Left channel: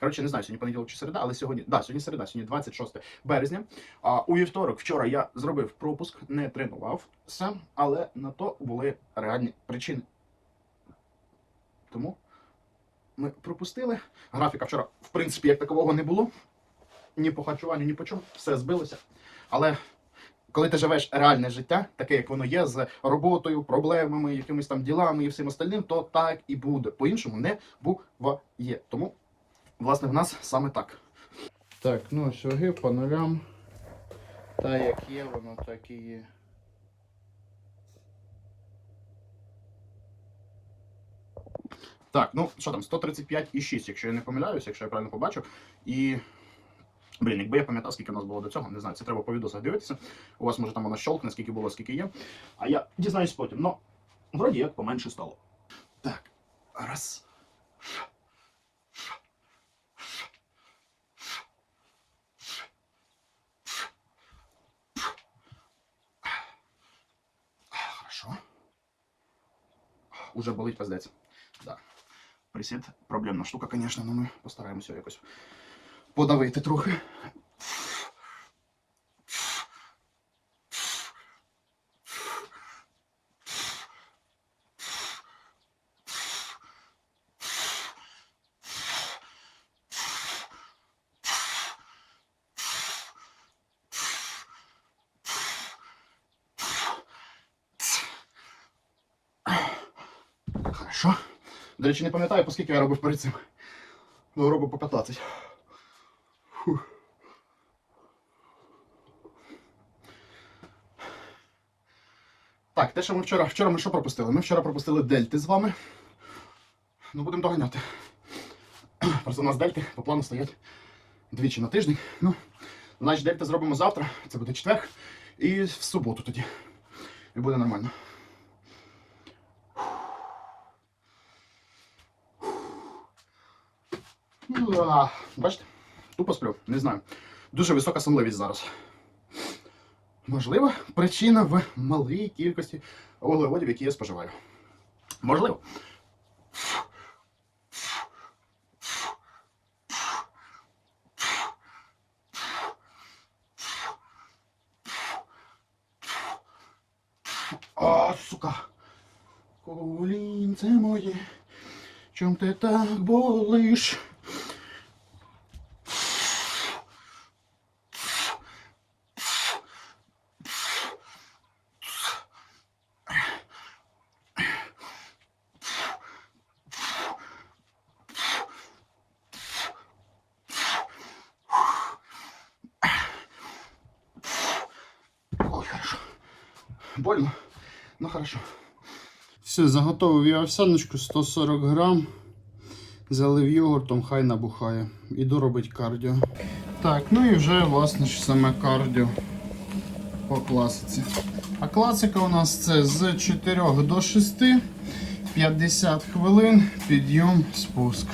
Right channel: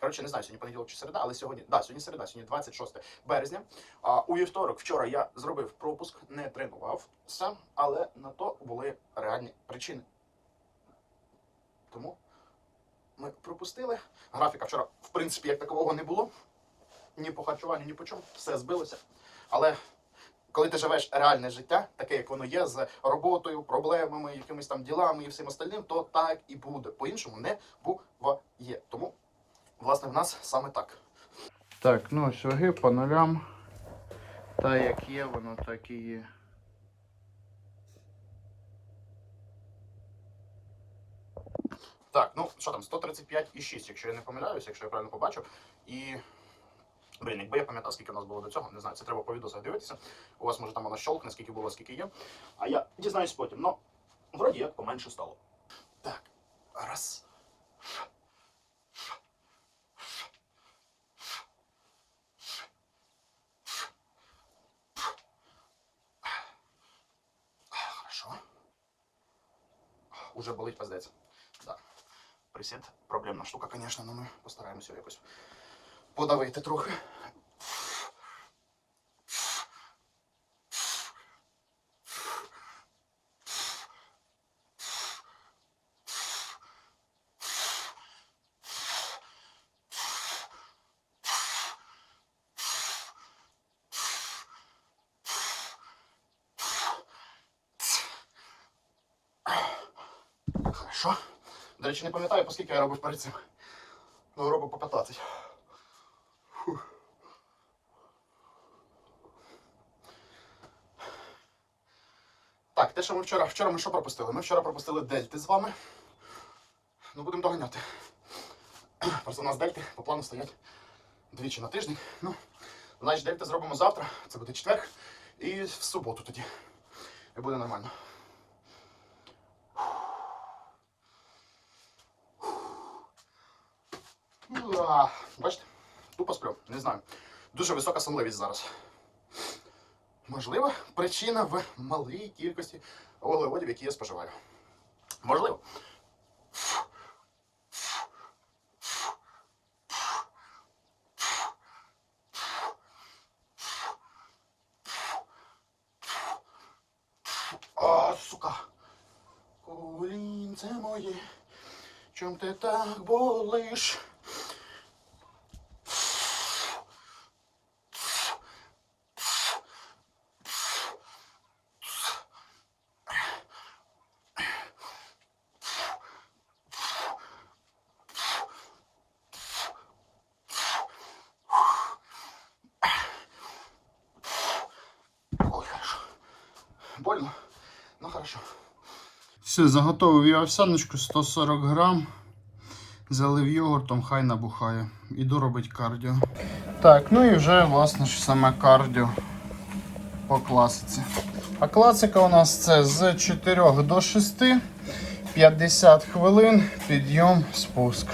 Коротше, не знаю, сьогодні понеділок чи середа, але сьогодні, да, сьогодні середа, сьогодні 26 березня. А у вівторок вчора я зробив пропуск, не тренувався, але на то були реальні причини. Тому ми пропустили. Графіка вчора, в принципі, як такового не було. Ні по харчуванню, ні по чому. Все збилося. Але коли ти живеш реальне життя, таке, як воно є, з роботою, проблемами, якимись там ділами і всім остальним, то так і буде. По-іншому не буває. Тому, власне, в нас саме так. Так, ну ось ваги по нулям. Та як є, воно так і є. Так, ну що там, 135,6, якщо я не помиляюся, якщо я правильно побачив. І. Блін, якби я пам'ятав, скільки в нас було до цього, не знаю, це треба по відосах дивитися. У вас може там воно щолкне, скільки було, скільки є. А я дізнаюсь потім. Ну, вроді як поменше стало. Так, раз. Уже болить пиздець. Да. Присід проблемна штука, звісно, але ми постараємося якось подавити трохи. Хорошо. До речі, не пам'ятаю, по скільки я робив перед цим. Ну, робив по 15. Фух. Так, те, що ми вчора. Вчора ми що пропустили? Ми вчора пропустили дельти з вами. Ну, будемо доганяти. Просто у нас дельти по плану стоять двічі на тиждень. Ну, значить, дельти зробимо завтра, це буде четвер. І в суботу тоді. І буде нормально. Ну, а, Бачите, тупо сплю, не знаю. Дуже висока сонливість зараз. Можливо, причина в малій кількості вуглеводів, які я споживаю. Можливо. А, сука. Колінце моє. Чом ти так болиш? Хорошо. Больно, но хорошо. Все, заготовив я овсяночку 140 грам. Залив йогуртом, хай набухає. Іду робити кардіо. Так, ну і вже власне ж саме кардіо по класиці. А класика у нас це з 4 до 6, 50 хвилин, підйом, спуск.